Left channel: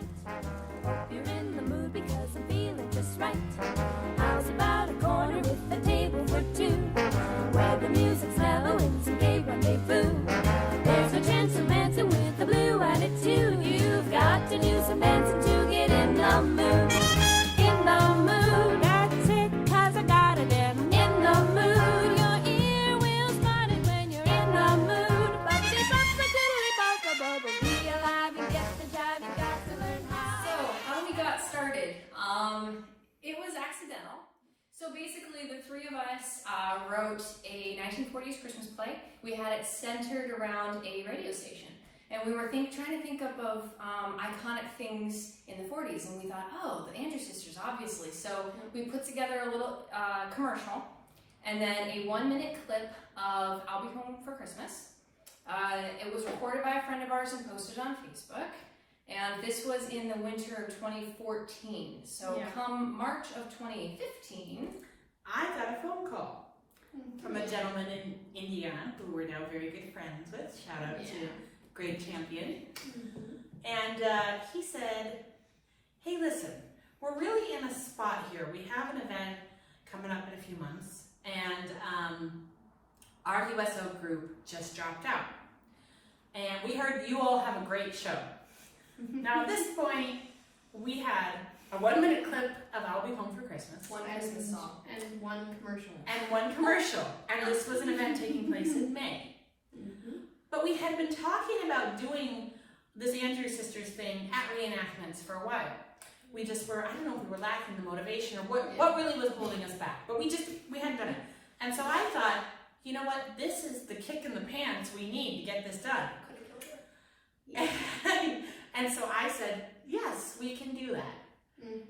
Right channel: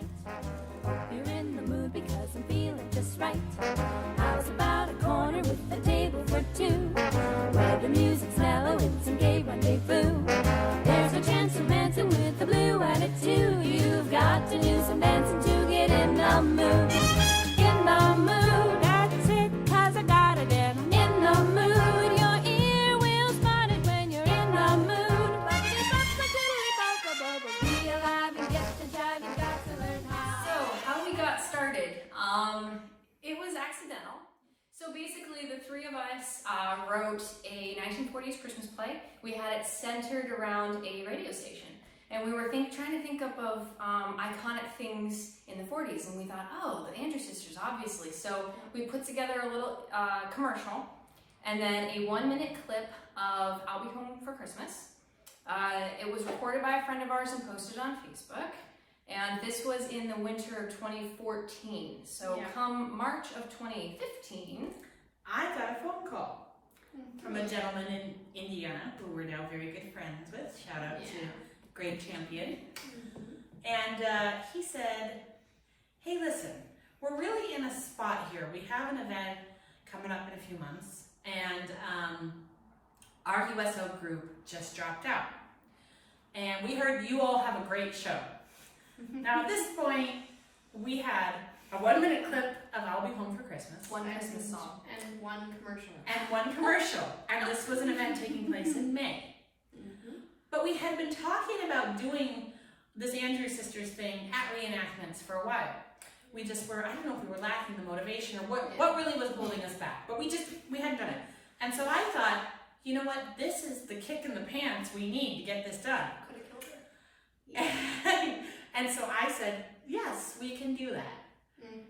tonight. Hope you're in the mood because I'm feeling just right. How's about a corner with a table for two, where the music's mellow and some gay rendezvous? There's no chance of dancing with a blue attitude. You've got to do some dancing to get in the mood. In the mood, that's it, 'cause I gotta get in the mood. Your ear will spot it when you're in the mood. Be alive and get the jive, you got to learn how. So, how we got started, it was accidental. So basically the three of us wrote a 1940s Christmas play. We had it centered around a radio station. And we were trying to think up of iconic things in the 40s, and we thought, oh, the Andrews Sisters, obviously. So we put together a little commercial, and then a 1-minute clip of I'll Be Home for Christmas. It was recorded by a friend of ours and posted on Facebook. And this was in the winter of 2014. So come March of 2015, I got a phone call from a gentleman in Indiana who we're now very good friends with. Shout out to Great Champion. And he said, hey, listen, we're really in a spot here. We have an event coming up in a few months, and our USO group just dropped out. And we heard you all have a great show. Now at this point, we had a 1-minute clip of I'll Be Home for Christmas. one Christmas song. And one commercial. And one commercial. And this was an event taking place in May. But we had been talking about doing this Andrews Sisters thing at reenactments for a while. We just were, I don't know if we were lacking the motivation or what really was holding us back. But we hadn't done it. And so I thought, you know what, this is the kick in the pants we need to get this done. And so I said, yes, we can do that.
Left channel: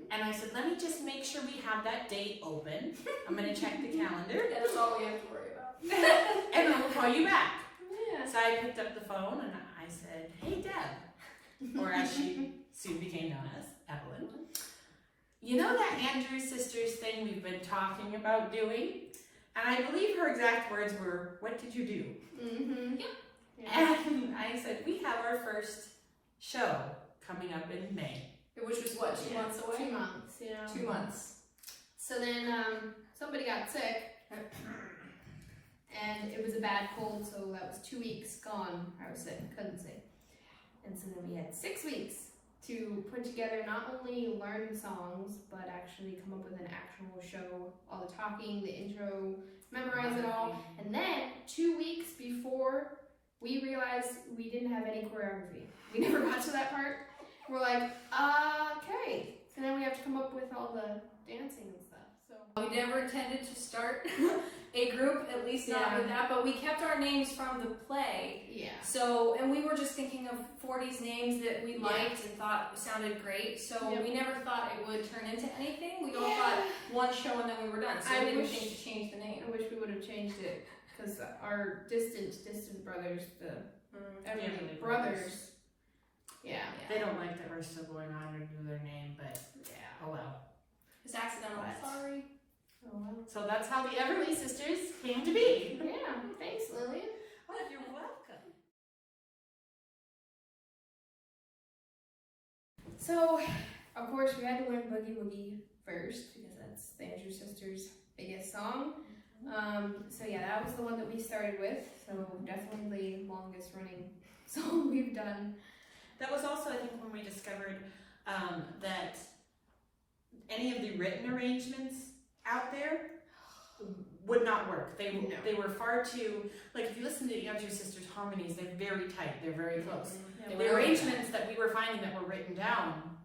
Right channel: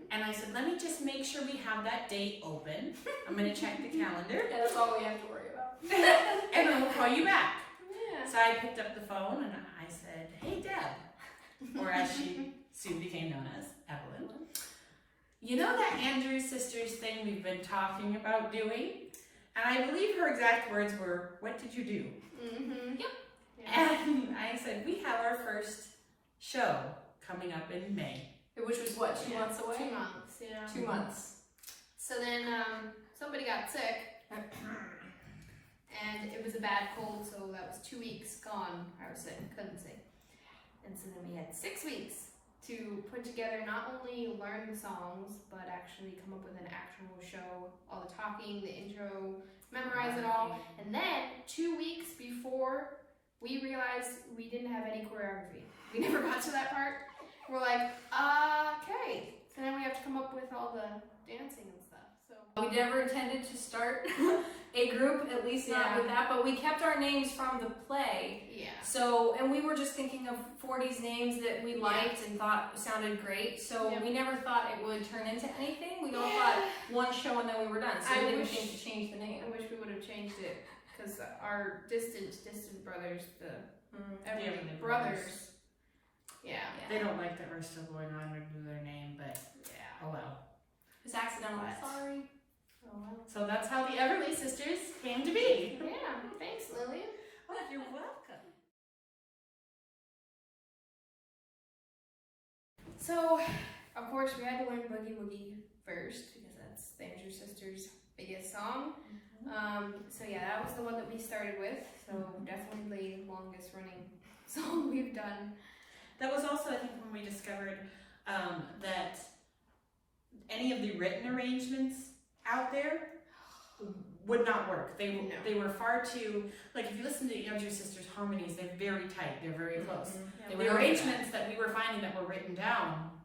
And I said, let me just make sure we have that date open. I'm going to check the calendar. That's all we have to worry about. And then we'll call you back. Yeah. So I picked up the phone and I said, hey, Deb, or as she soon became known as, Evelyn. You know that Andrews Sisters thing we've been talking about doing? And I believe her exact words were, what did you do? And I said, we have our first show coming up in May. Which was what, 2 months away? 2 months, 2 months. So then somebody got sick, and it was a bad cold, so that was 2 weeks gone. I was sick, couldn't sing. And so then we had 6 weeks to put together, not only learn the songs, but actually come up with an actual show, all the talking, the intro, memorize it all. And then 2 weeks before we realized we didn't have any choreography. We never got to that part. We're like, okay. So then we have to come up with all the dancing and stuff. So we never intended to start a group, at least not with that, but we kept our names from the play. So, and we were just thinking of 40s names that we liked and thought sounded great. So we never thought it would turn into anything. We all thought one show and then we were done. So we didn't think to change the name. I wish we would have changed it, because our distant brothers, the Everley brothers, They don't like that we're still going on under their name, but oh well. It's accidental. Sorry. Oh well. So that's how the Everley Sisters came to be. Yeah, thanks, Lillian. Oh, you're welcome. So, of course, we had to learn Boogie Woogie first, because that's the Andrews Sisters' biggest song. So yeah, that was the one that we started with. So definitely the longest running song we've done. That was also, I think, when we discovered that any of the written arrangements out there would not work. They were far too, like if you listen to Andrews Sisters harmonies, they're very tight, they're very close. The arrangements that we were finding that were written down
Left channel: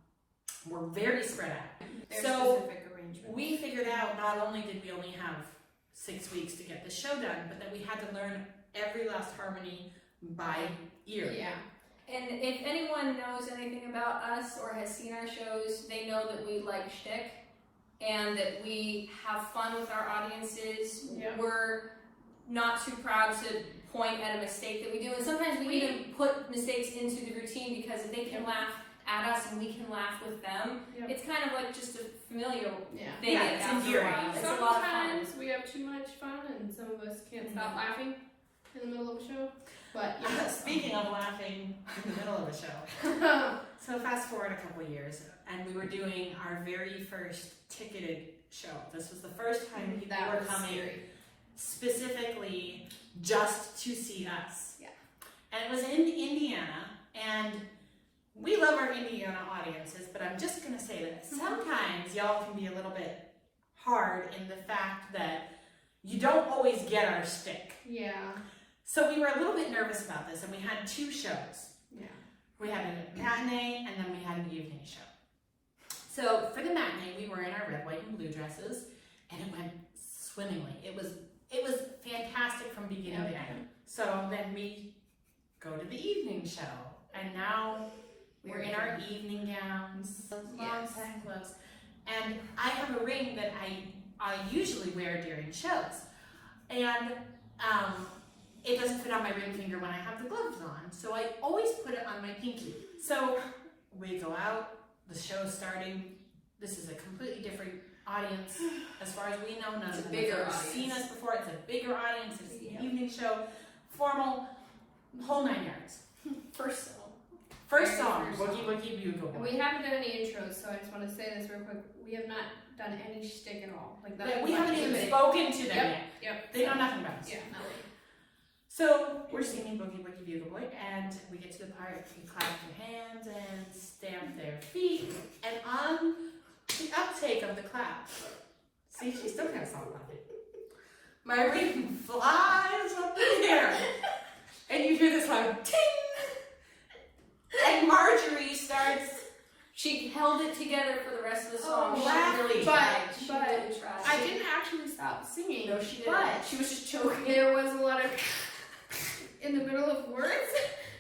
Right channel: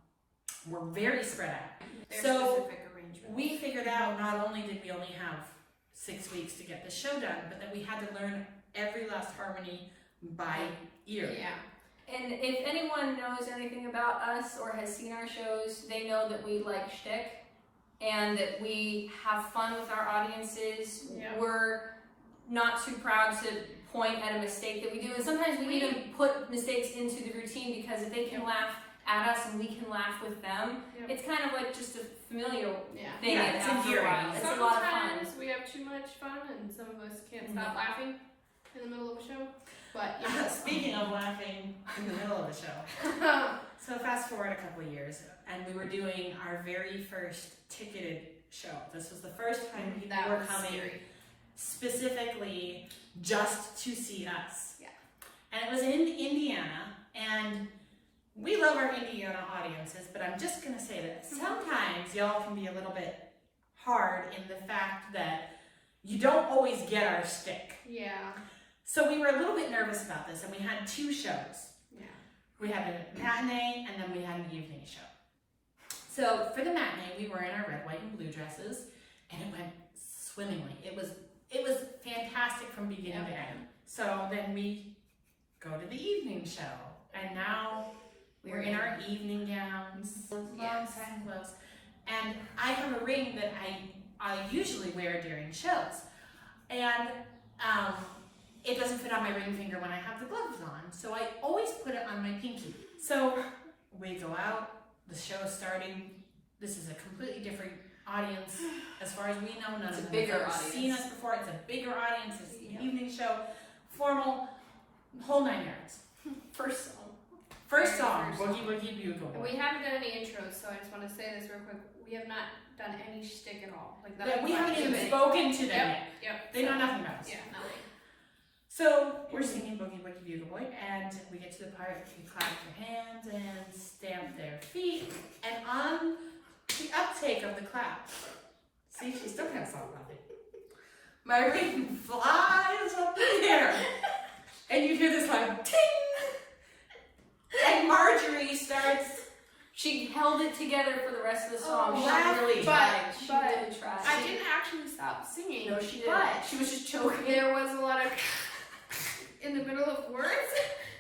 were very spread out. They're so specific arrangements. We figured out not only did we only have 6 weeks to get the show done, but that we had to learn every last harmony by ear. And if anyone knows anything about us or has seen our shows, they know that we like shtick and that we have fun with our audiences. We're not too proud to point at a mistake that we do, and sometimes we even put mistakes into the routine, because if they can laugh at us and we can laugh with them, it's kind of like just a familial thing. Yeah, it's endearing. It's a lot of fun. Sometimes we have too much fun and some of us can't stop laughing in the middle of a show. But speaking of laughing in the middle of a show, So fast forward a couple years, and we were doing our very first ticketed show. This was the first time people That were was coming scary. specifically just to see us. Yeah. And it was in Indiana, and we love our Indiana audiences, but I'm just gonna say this. Sometimes y'all can be a little bit hard in the fact that you don't always get our stick. Yeah. So we were a little bit nervous about this, and we had two shows. Yeah. We had a matinee, and then we had an evening show. So for the matinee, we were in our red, white, and blue dresses, and it went swimmingly. It was fantastic from beginning to end. So then we go to the evening show, and now we're in our evening gowns, long Yes. satin gloves, and I have a ring that I usually wear during shows, and it doesn't fit on my ring finger when I have the gloves on, so I always put it on my pinky. So we go out, the show is starting. This is a completely different audience as far as we know. None It's of a them bigger have ever audience. seen us before. It's a bigger audience. It's Yeah. an evening show, formal, the whole 9 yards. First song. First song, First Boogie song. Woogie Bugle And Boy. we haven't done any intros, so I just want to say this real quick. We have not done any shtick at all. Like Yeah, we haven't even spoken. spoken to them yet. Yep. They know nothing about us. Yeah, nothing. So we're singing Boogie Woogie Bugle Boy, and we get to the part where you clap your hands and stamp their feet, and on the uptake of the clap, see, she still can't stop laughing. My ring flies up in the air, and you hear this like ting, and Marjorie starts. She held it together for the rest of the song. Oh, She laughing. really But- tried. She but really tried. I didn't actually stop singing. No, she didn't. But She was just choking. there was a lot of in the middle of words,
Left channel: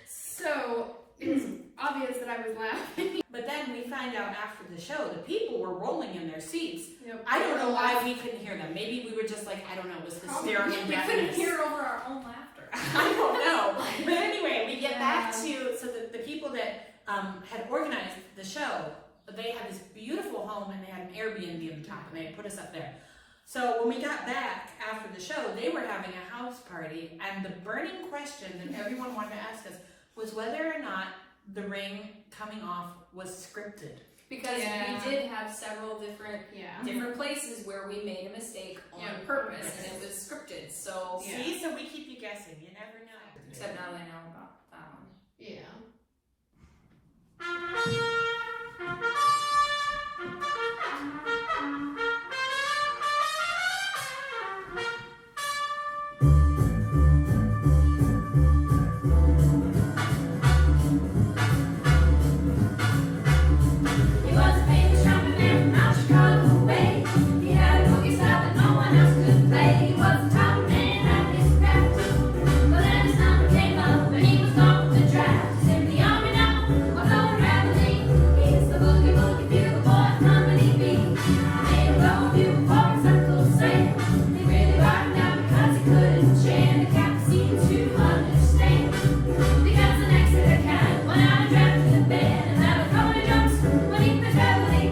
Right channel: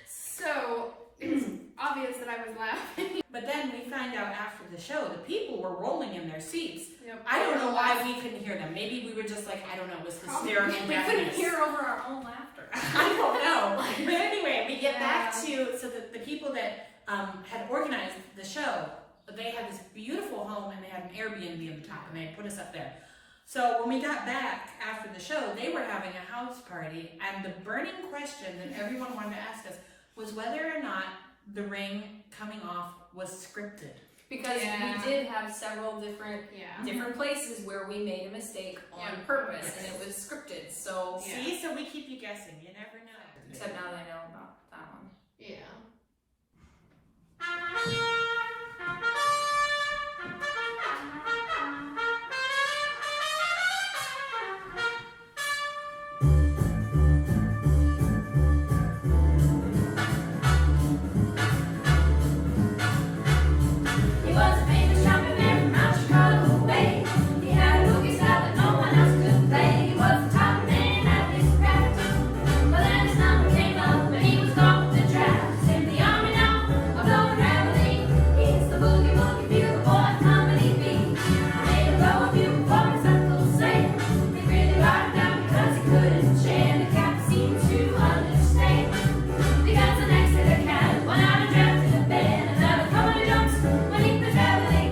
so it was obvious that I was laughing. But then we find out after the show, the people were rolling in their seats. Yep. I don't know why we couldn't hear them. Maybe we were just like, I don't know, it was hysterical We couldn't deafness. hear over our own laughter. I don't know. But anyway, we get back Yeah. to, so the people that had organized the show, they had this beautiful home and they had an Airbnb in the top and they put us up there. So when we got back after the show, they were having a house party, and the burning question that everyone wanted to ask us was whether or not the ring coming off was scripted. Because Yeah. we did have several different Yeah. places where we made a mistake on Yeah. purpose, Yes. and it was scripted. So, Yeah. See, so we keep you guessing. You never know. except now they know about that one. Yeah. He was a famous shopping man from out Chicago way. He had a movie star that no one else could play. He was the top man at his craft. But then his number came up and he was gone with the draft. He's in the army now, on over heavily. He's the boogie woogie bugle boy, company B. They go bugle boys that cool say. They really got him down because he couldn't share. The captain seemed to understand. Because the next day they counted, went out and drafted the band. And now the company jumps when he plays heavily.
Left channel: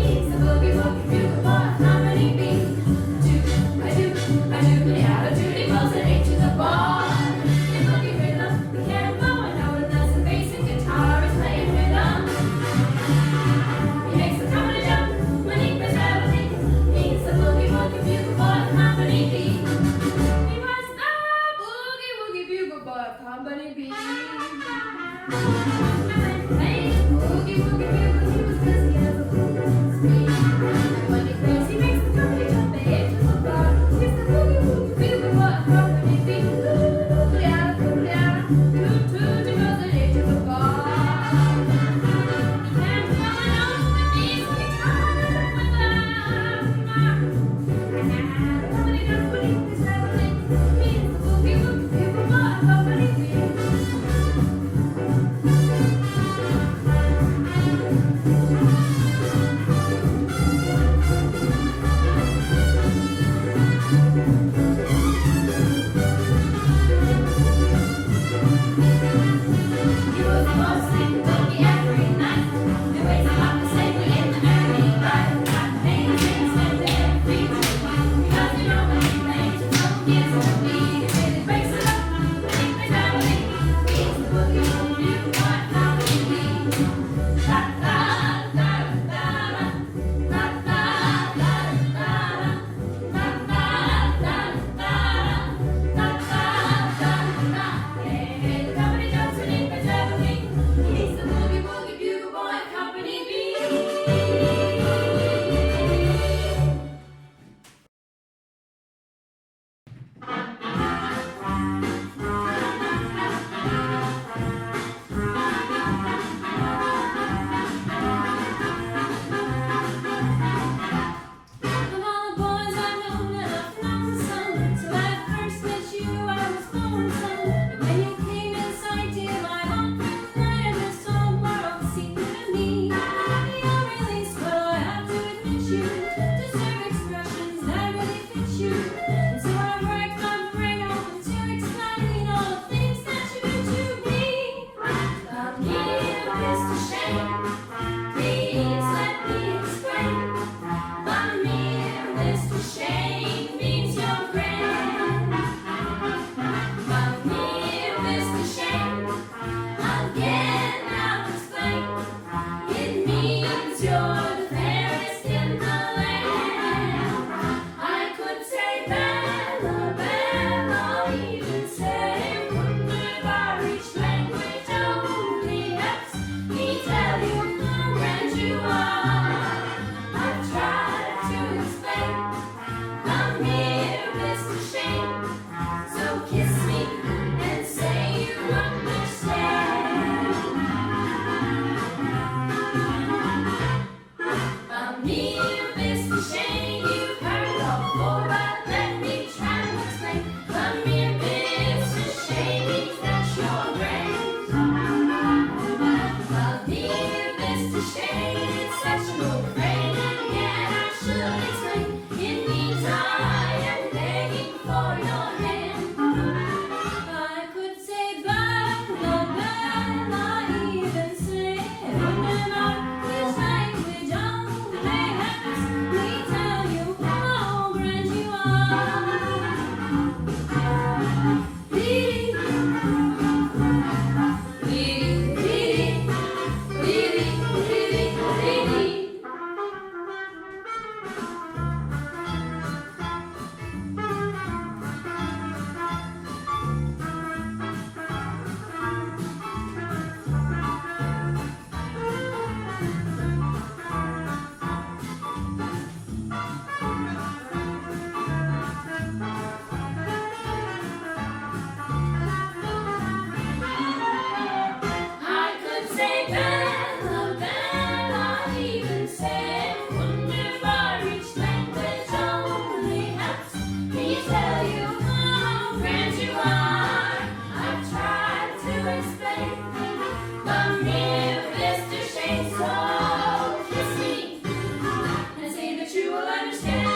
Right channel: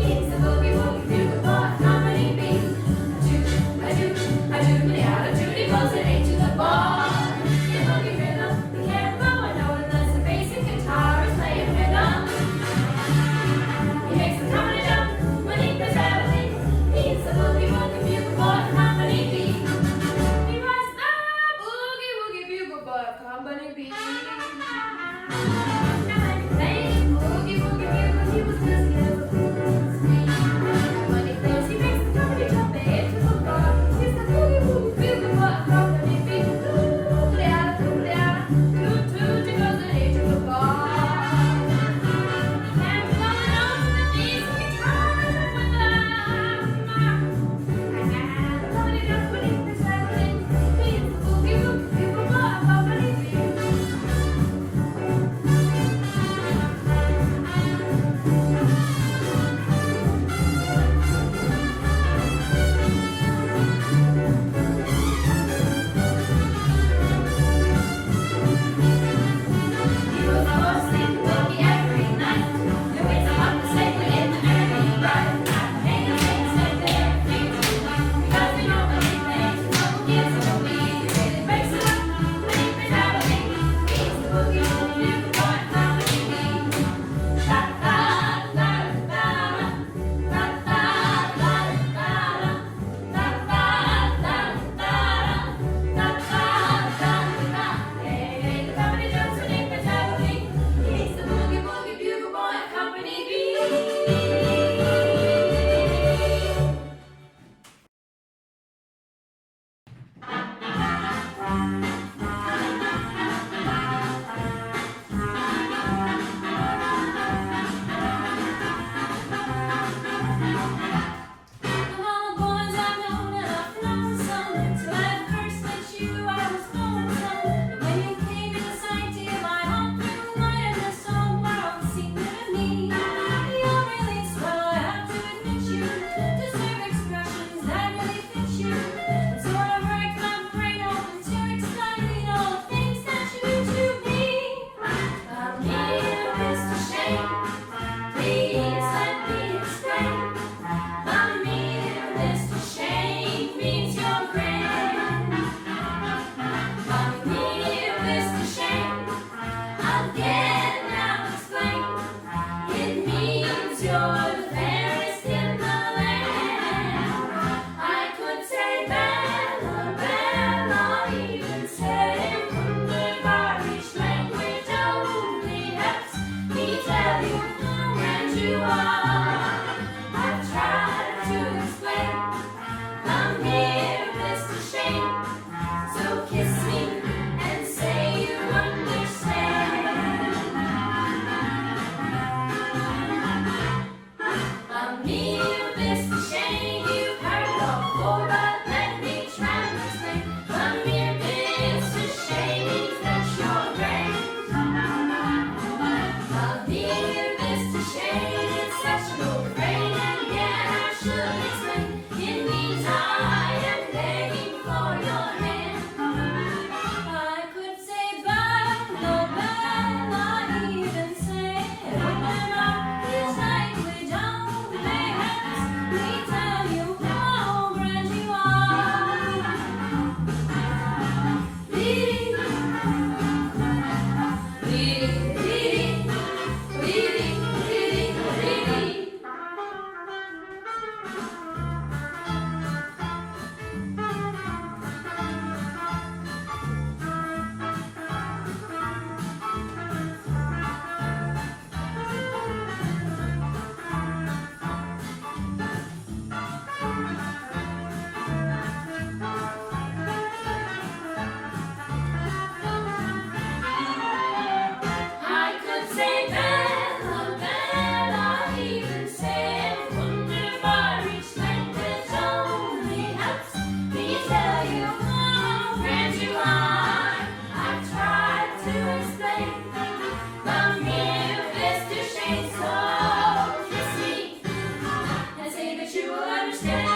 He's the boogie woogie bugle boy, company B. A jubilee out of Judy goes an A to the bar. In boogie rhythm, we can't go and know unless the basic guitar is playing rhythm. He makes the company jump when he plays heavily. He's the boogie woogie bugle boy, company B. He was the Boogie Woogie Bugle Boy, Company B. playing boogie woogie bugle. He was busy as a fool. And when he plays, he makes the company jump ahead to the bar. He's the boogie woogie bugle boy, company B. Doodle-doodle-doodle, doodle-doodle, goes an A to the bar. He can't follow the music guitar with the company jump when he plays heavily. He's the boogie woogie bugle boy, company B. He was hosting the boogie every night. They waited up the singer in the early light. Hanging things like they're free to because we know when he plays, no kids will be. He really breaks it up when he plays heavily. He's the boogie woogie bugle boy, company B. Mr. Shane, please let me explain. Mommy, Mr. Shane means your friend. Mommy, Mr. Shane, again I'll explain. It means you're the fairest in the land. I could say Bella, Bella, even say wunderbar, each language only helps me tell you how grand you are. I've tried to explain. I'm here, Mr. Shane, so kiss me and say you understand. I'm here, Mr. Shane, you've heard it all before, but let me try to explain. I'm here, Mr. Shane, means that you're great. I'm here, Mr. Shane, it's such an old phrase, and yet I should explain. It means I am begging for your hand. I could say Bella, Bella, even say wunderbar, this language only helps me tell you how grand you are. Dee-dee, dee-dee, dee-dee, dee-dee, dee-dee. I could say Bella, Bella, even say wunderbar, each language only helps me tell you how grand you are. I've tried to explain. Come here, Mr. Shane, so kiss me and say that you will understand.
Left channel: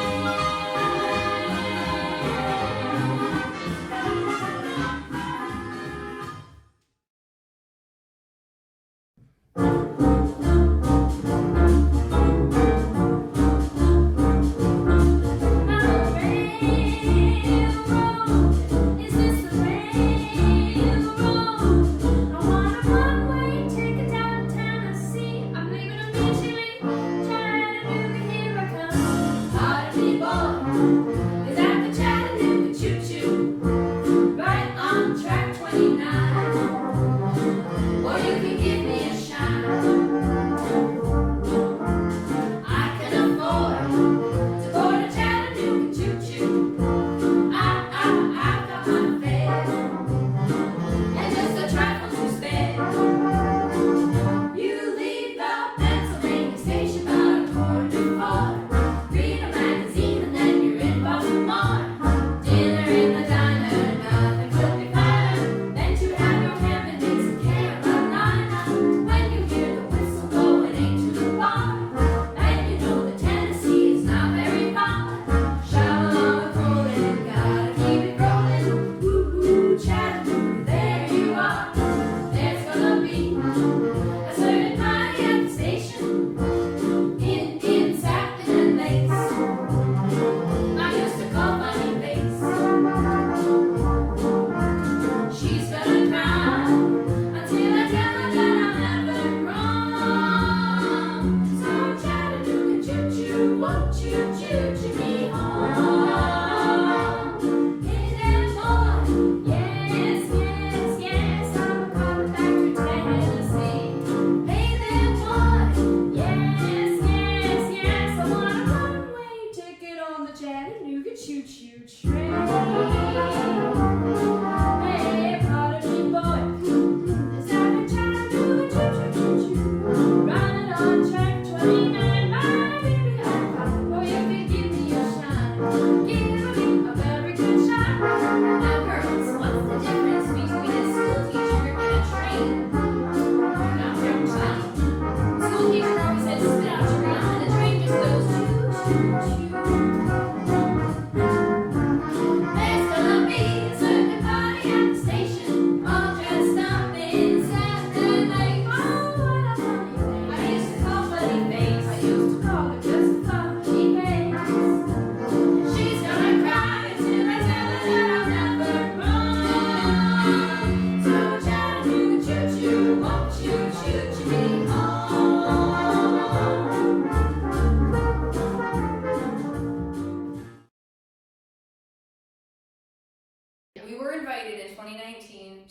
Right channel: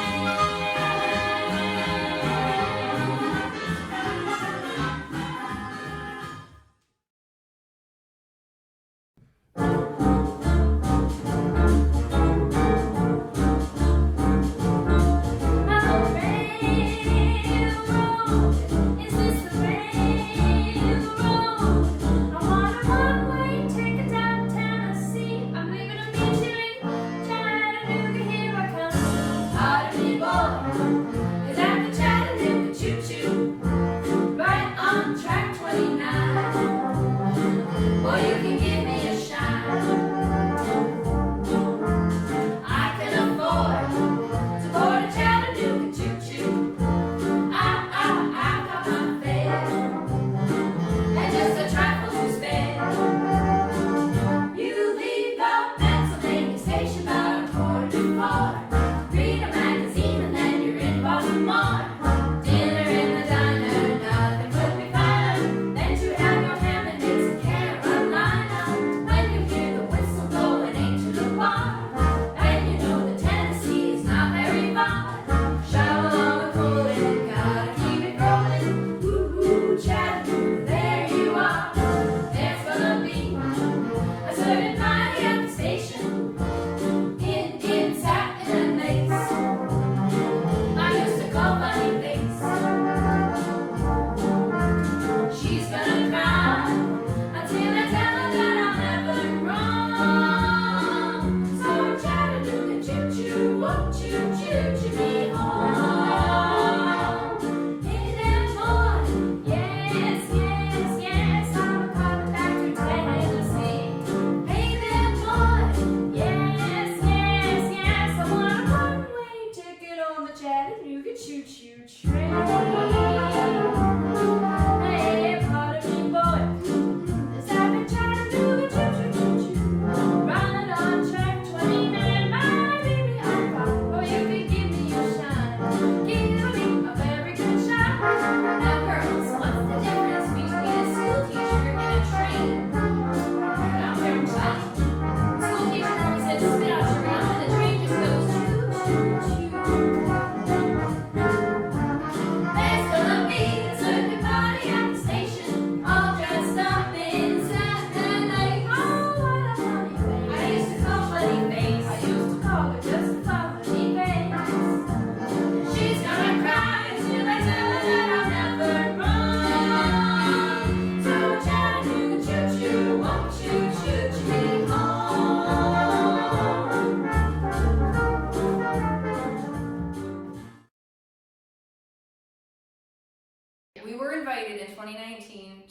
Or you can give me a shine.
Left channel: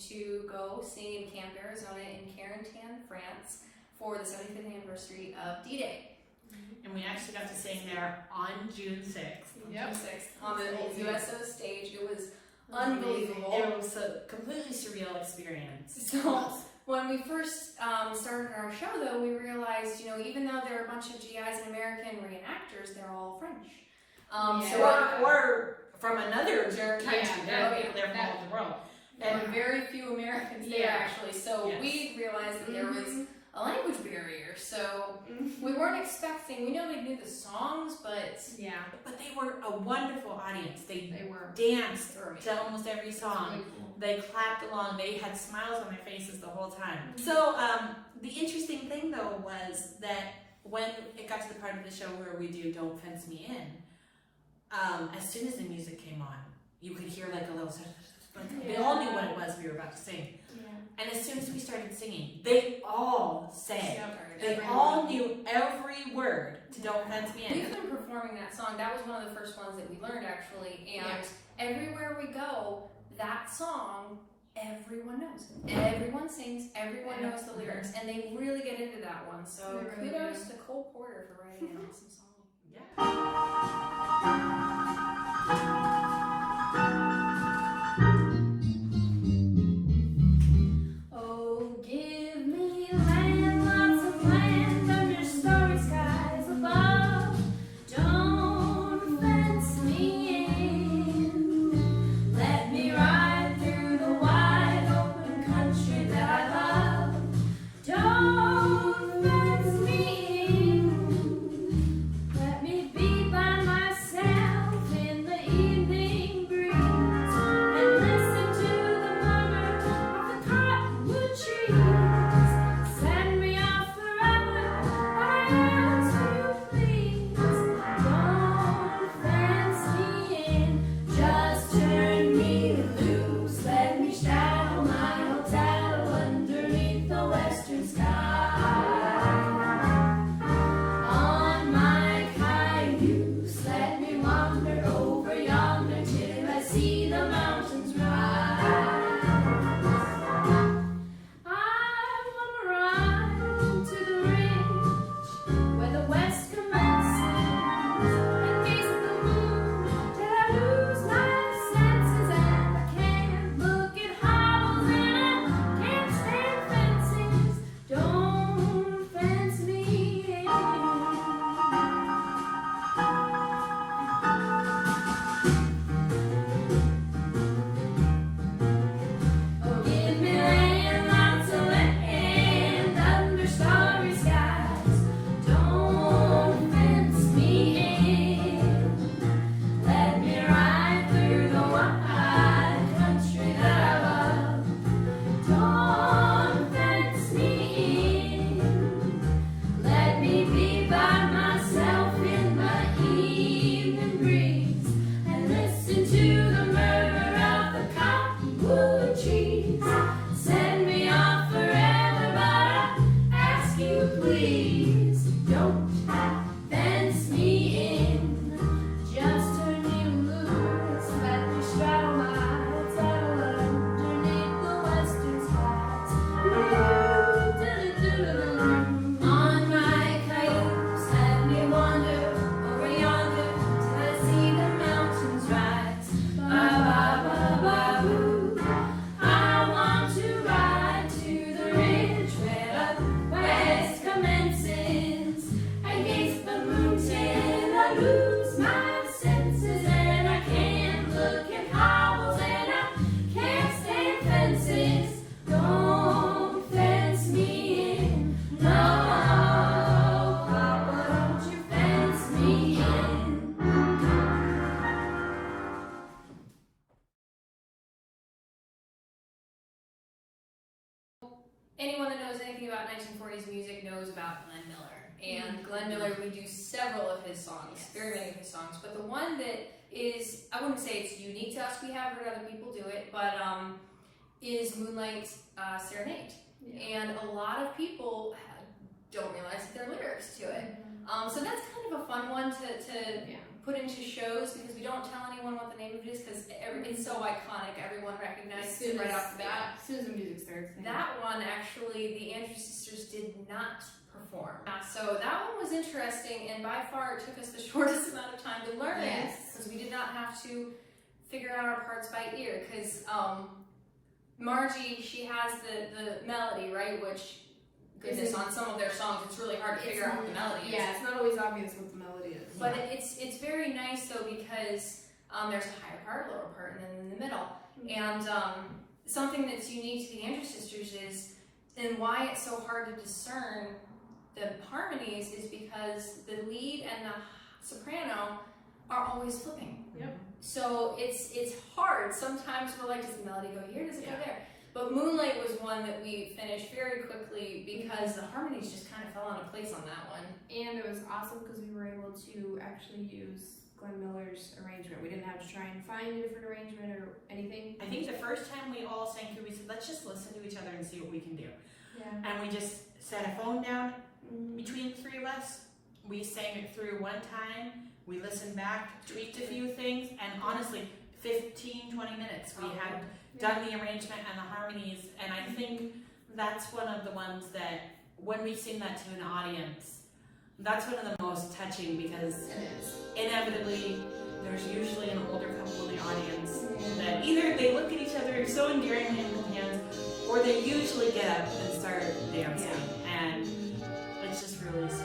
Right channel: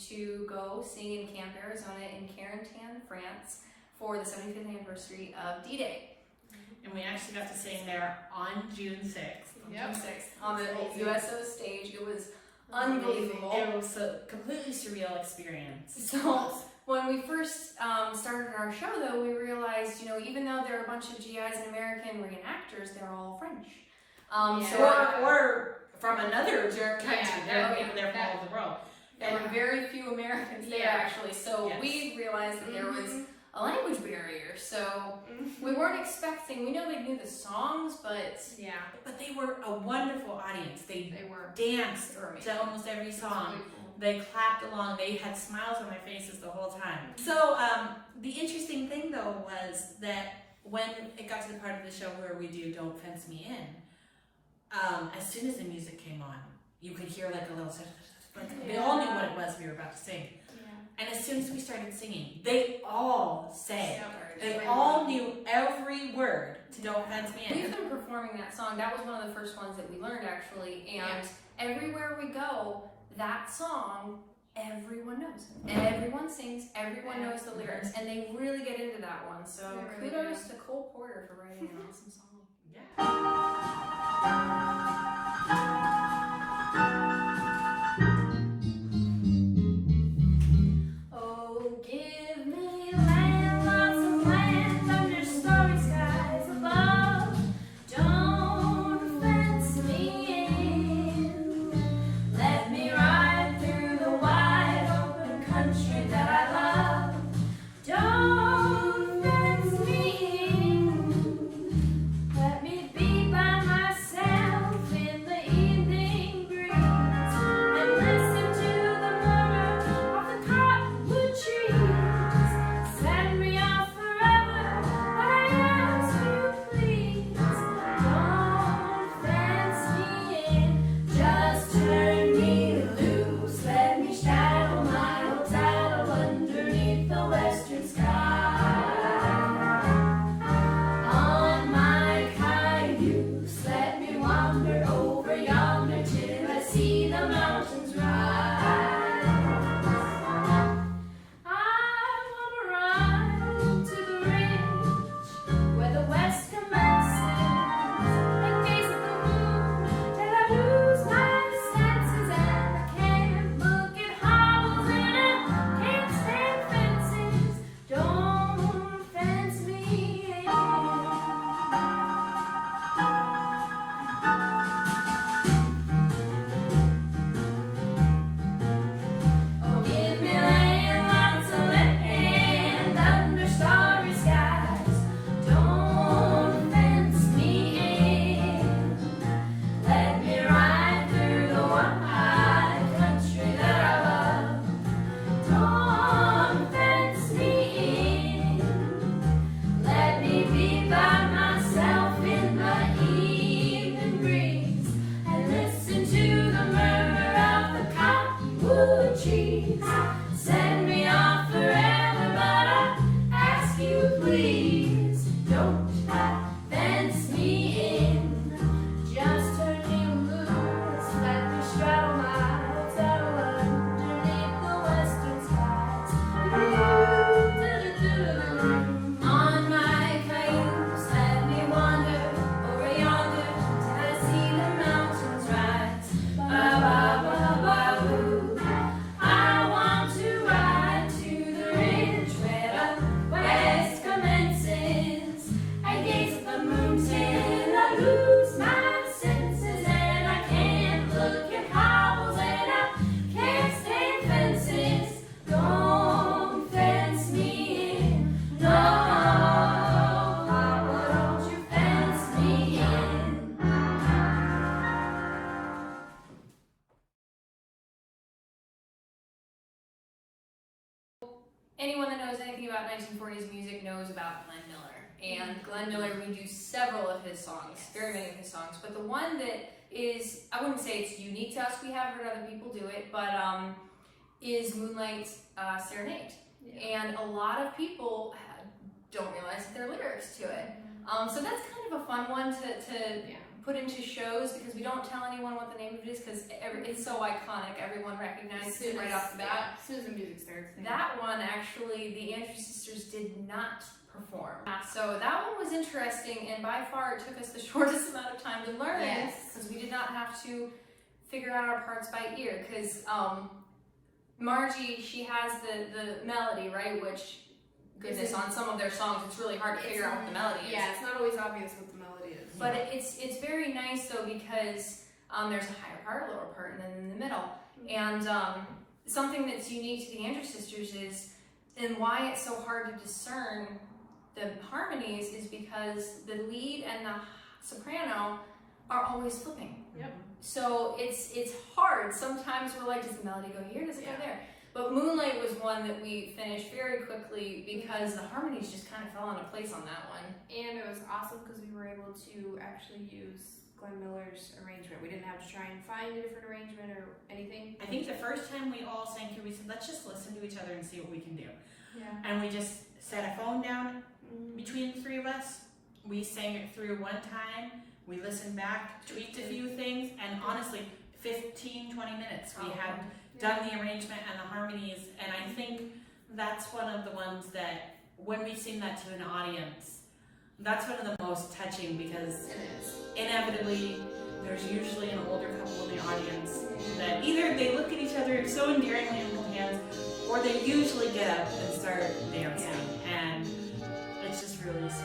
to go sing in Camp Arizona in Carentan, France for the 75th anniversary of D-Day. And we actually got to sing there on June 6th. Yep. 26th on the Amazing. USO stage. It was unbelievable. It was a completely surreal experience. So when we first started our show, though, we realized, you know, even though there are a bunch of GIs and American reenactors, they're all French. Or from another country. Yeah, There are yeah, people there from all over the world. There were very few Americans there, Yeah. actually. So Yes. we realized that there was a language barrier. So we weren't expecting. We know they knew the songs, but Yeah, But they were a wonderful audience. They they were. danced they were amazing. to almost every song. Really cool. They clapped along. They had smiles on their faces the whole time. So the interesting thing though was that when it got to the part of the show where we do "Don't Fence Me In," as soon as the music came on, you could hear like a little like they all knew what it was we were about to sing. Yeah. And as soon as we started singing, they all sang. Yep. They Every all one. knew every word to "Don't Fence Me We've In." been performing that song. That was one of the first ones that we learned, actually. And Yeah. everywhere we go, that song, everyone knows. Everyone sings. Everyone knows the lyrics, and they really get into that one. So They really kudos to Cole Porter for writing an awesome song. Yeah. Oh, give me land, lots of land under starry skies above. Don't fence me in. Let me ride through the wide open country that I love. Don't fence me in. Let me be by myself in the evening breeze and listen to the murmur of the cottonwood trees. Send me off forever, I ask you please. Don't fence me in, just turn me loose. Let me straddle my old saddle underneath the western sky. On my cayuse, let me wander over yonder till I see the mountains rise. I wanna ride to the ridge where the west commences and gaze at the moon till I lose my senses, and I can't look at hovels and I can't stand fences. Don't fence me in. Oh, give me land, lots of land under starry skies. Don't fence me in. Let me ride through the wide country that I love. Don't fence me in. Let me be by myself in the evening breeze and listen to the murmur of the cottonwood trees. Send me off forever, but I ask you please, don't fence me in. Just turn me loose, let me straddle my saddle underneath the western skies. On my cayuse, let me wander over yonder till I see the mountains rise. Ba-ba-ba-ba-boo. I want to ride to the ridge where the west commences and gaze at the moon till I lose my senses, and I can't look at hovels and I can't stand fences. Don't fence me in, no, Papa, don't you fence me in. Anyone that knows anything about 1940s music knows about Glenn Miller. And Glenn Miller, we do several of his songs, Yes. very many of his songs. But the one that is, I wouldn't say it's unique to us, we have heard other people do it, but is Moonlight Serenade. Yeah. And a lot of people don't realize that there are lyrics to it. So that's kind of a fun one to Yeah. put into shows because we don't tell anyone what the name of it is because it's so iconic. Everyone recognizes it right off the bat. Yeah, as soon as the music starts. That one, actually, the Andrews Sisters did not perform. So that one was interesting, and by far it took us the shortest amount of time to learn it because we did not have to figure out our parts by ear. Because Margie, she has the melody, right? Which, goodness, on some of their songs, it's really hard to figure out what the melody is. Yeah, it's not always obvious what the melody is. But it's very nice though because there's a higher part, a lower part, and then in the middle. And something that's unique to the Andrews Sisters is, and why it's so hard to discern the harmonies is because the lead and the soprano are always flipping. Yep. So it's hard. Sometimes we're like, does the melody go here? Does it go there? But Moonlight was one that we finished very quickly because the harmonies just kind of fell into place on that one. And it was awesome because we were able to actually use Glenn Miller's arrangement. We didn't have to try and find a different arrangement or anything. I think the first time we all sang through, we said, let's just listen to each other and see what we can do. Yeah. And we just set a phone down between the three of us. We sang it through one time. We listened back, tweaked a few things, and honestly, 15, 20 minutes we had done the arrangement and the harmonies. And I think that's one of the ones that when we sing that to an audience, that's one of the most touching because inevitably there's usually an older couple in the audience that either they look at each other so endearingly and hold hands, or they usually get up and start dancing, and it's just really sweet.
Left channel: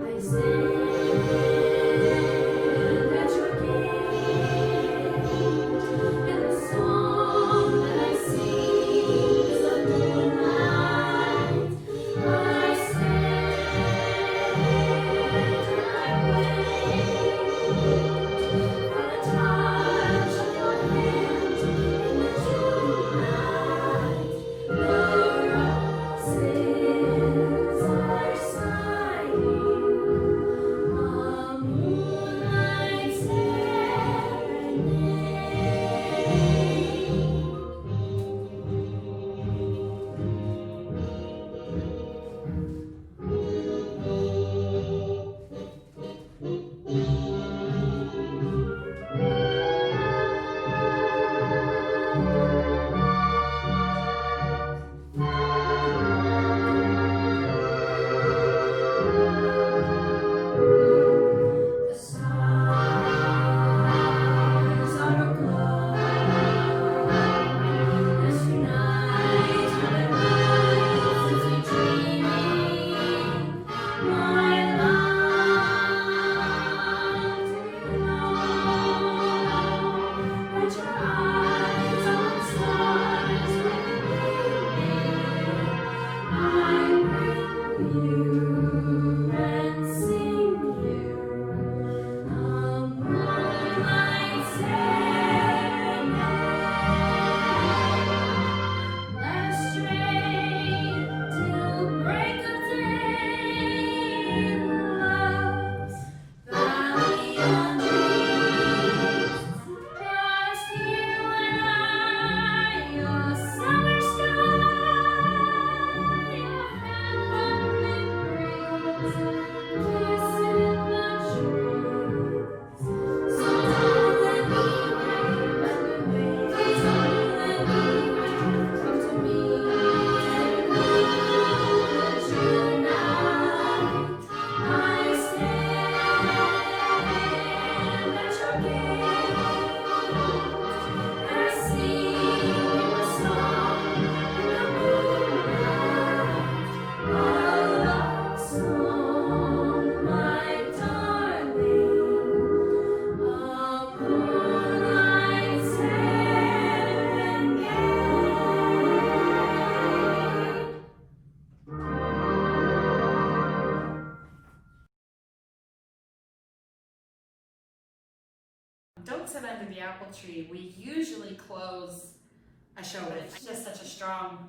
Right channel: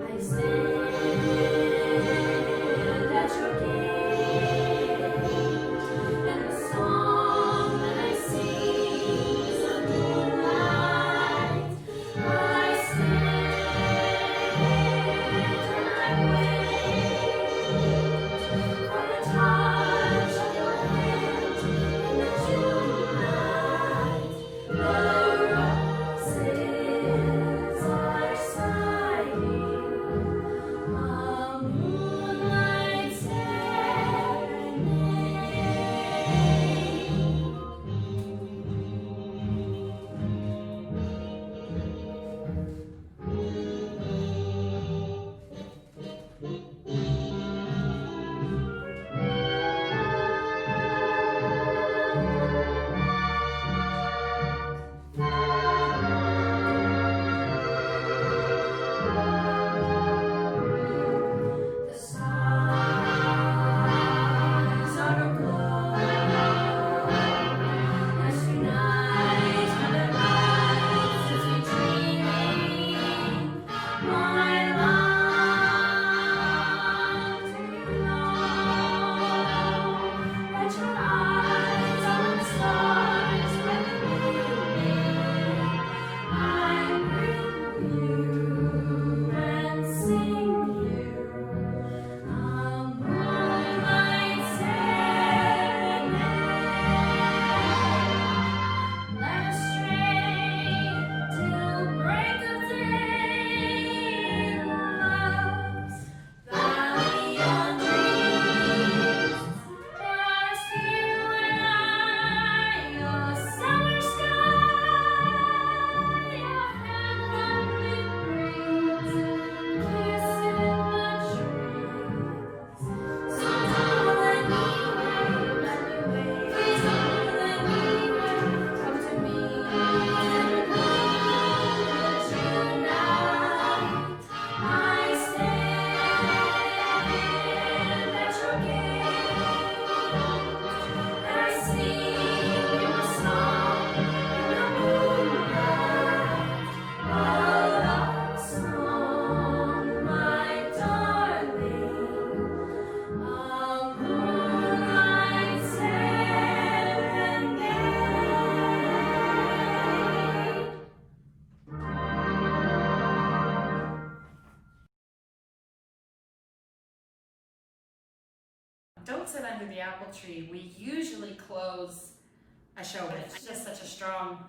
I stand at your gate, and the song that I sing is of moonlight. I stand and I wait for the touch of your hand in the June night. The roses are sighing. A moonlight serenade. The stars are aglow as tonight heaven rises we dreaming. My love, do you know that your eyes are stars revealing? I bring you and sing you a moonlight serenade. Let us stray till break of day in love's valley of dreams. Just you and I, a summer sky, a heavenly breeze, kiss in the trees. So don't let me wait, please don't let me wait. Come to me and come to June night. I stand at your gate, and I sing a song in the moonlight, a love song, my darling, a moonlight serenade. Don't Sit Under the Apple Tree, we usually close a show with. It's just such a strong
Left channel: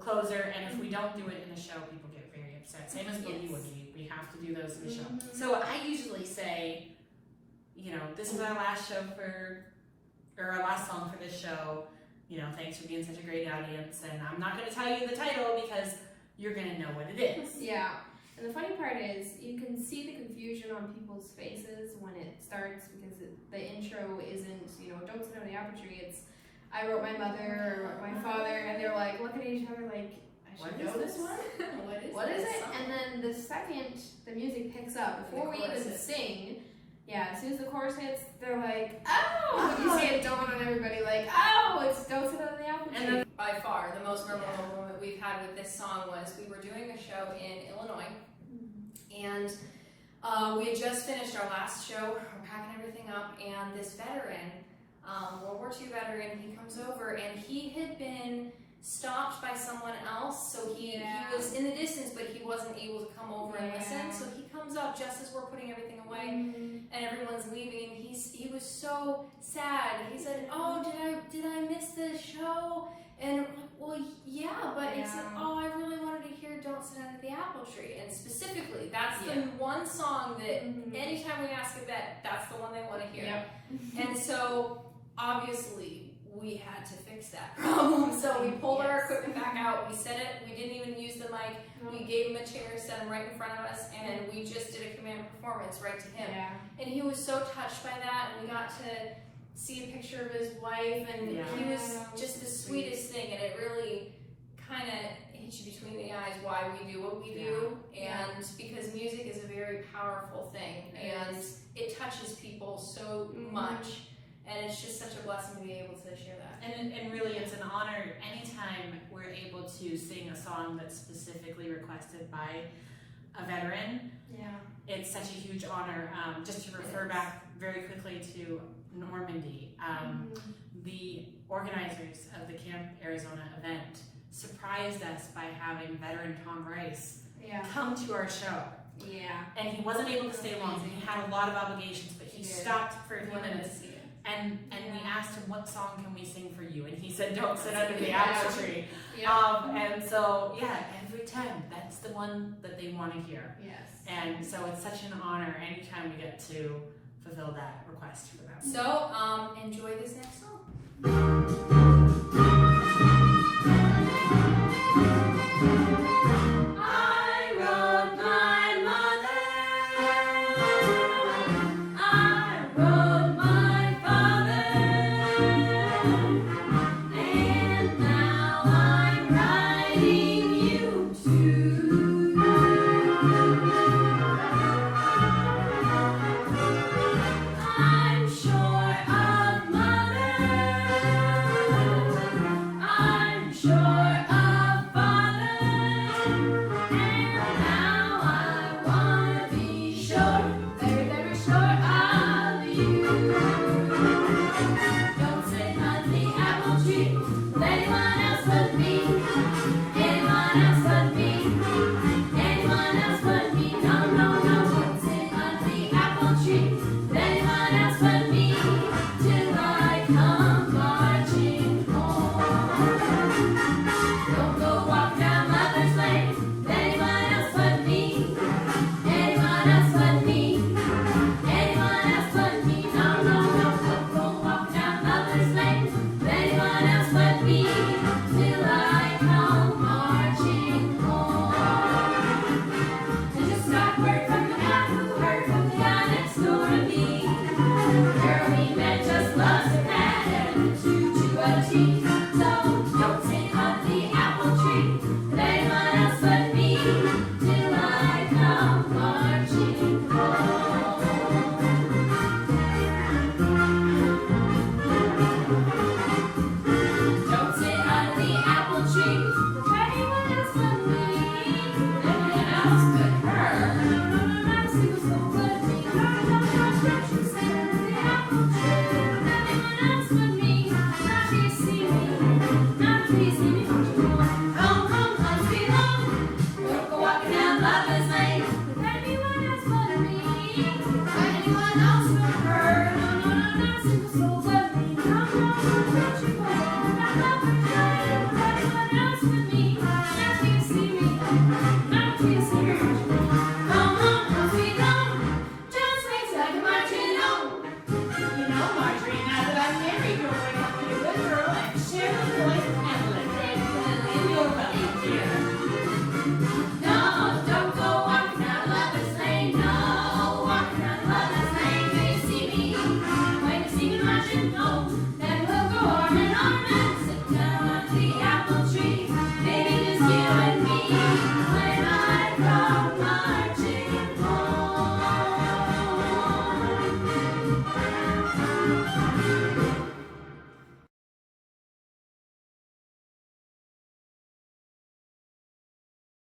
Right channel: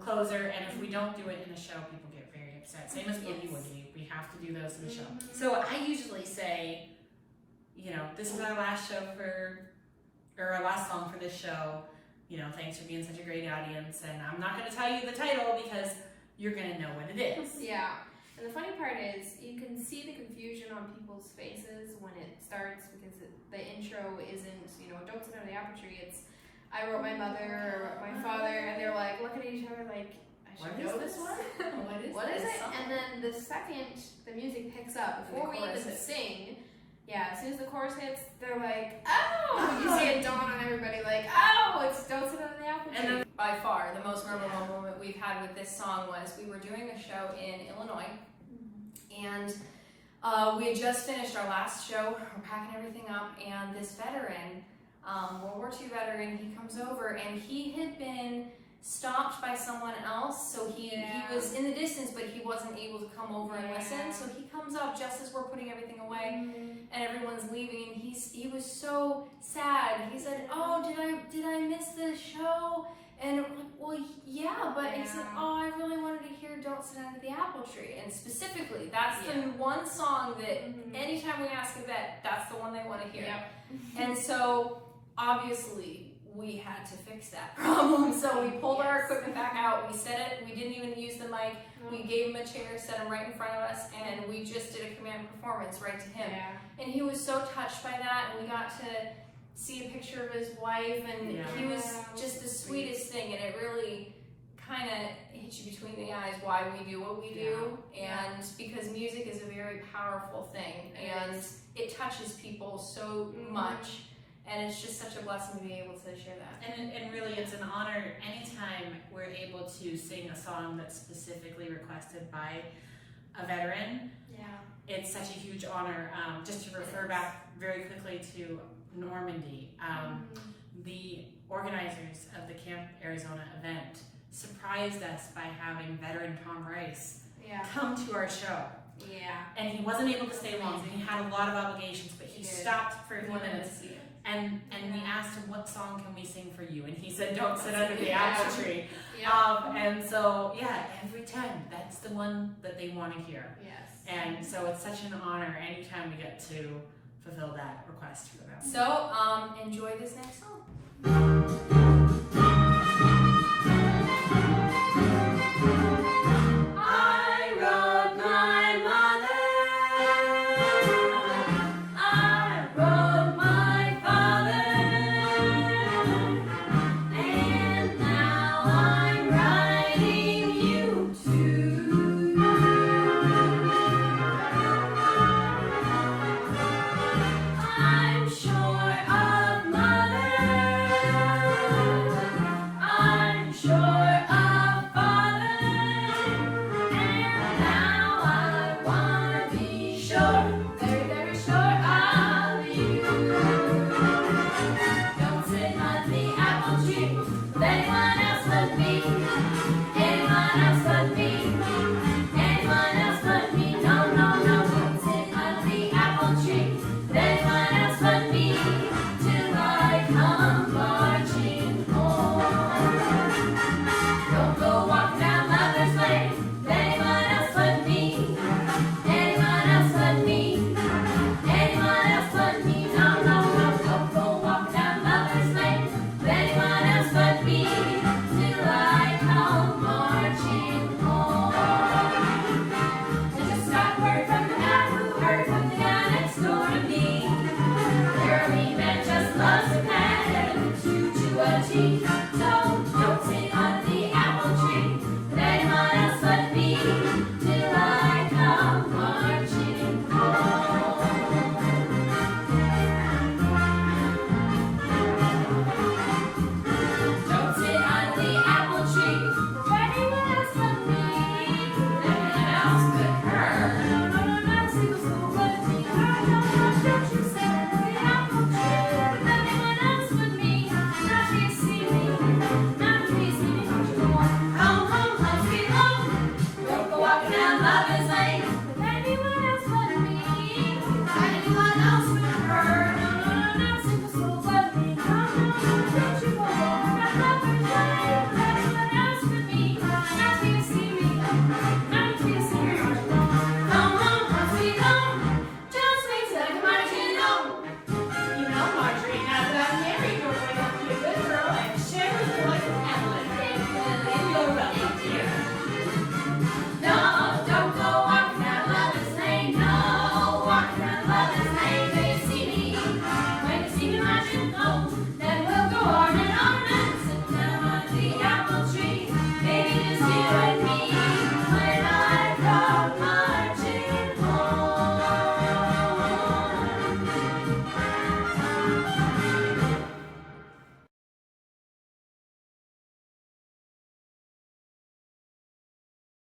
closer, and if we don't do it in the show, people get very upset. Same as Boogie Yes. Woogie. We have to do those in the show. Mhm. So I usually say, this is our last show or our last song for this show. Thanks for being such a great audience, and I'm not going to tell you the title because you're going to know what it is. Yeah. And the funny part is, you can see the confusion on people's faces when it starts because the intro isn't, don't sit under the apple tree. It's, I wrote my mother or my father, and they're like looking at each other like, I should What know is this this? one. What is it? song? And then the second the music picks up, before we chorus even hits. sing, as soon as the chorus hits, they're like, oh! You see it dawn on everybody like, oh, it's Don't Sit Under the Apple Tree. And then by far, the most memorable moment we've had with this song was we were doing a show in Illinois, and we had just finished our last show. We're packing everything up, and this veteran, World War II veteran, he comes over, and he had been stopped by someone else, so he was in the distance, but he wasn't able to come over and listen. So he comes up just as we're putting everything away, and everyone's leaving, and he was so sad. He said, "Oh, did I miss the show?" And I'm like, well, yeah, but he said, "Oh, I really wanted to hear Don't Sit Under the Apple Tree," and specifically, that's the one song that anytime we ask a vet, that's the one they want to hear. Yep. And so obviously we had to fix that problem. So we pulled our equipment back out, we set it, we didn't even use the mic, we gave him a chair, set him right in front of us, and we just did a command performance right to him. And he was so touched by that, and we got to see a picture of his wife, and he was just the sweetest thing, and it really kind of hit you between the eyes why we do what we do, and because music is a very powerful thing, and it touches people so much. And it's just such a blessing to be able to share that. And really, it's an honor anytime we're able to sing a song that's specifically requested by a veteran. It's such a huge honor. Just to refer back very quickly to Normandy, the organizers of the Camp Arizona event surprised us by having veteran Tom Rice come to our show. And he wasn't able to stay long, and he had a lot of obligations, but he stopped for a few minutes. And we asked him, what song can we sing for you? And he said, Don't Sit Under the Apple Tree. And so, every time, that's the one that they want to hear. And so it's such an honor anytime we get to fulfill that request for them. So, enjoy this next song. I wrote my mother, I wrote my father, and now I'm writing you too. I'm short of mother, Coming home.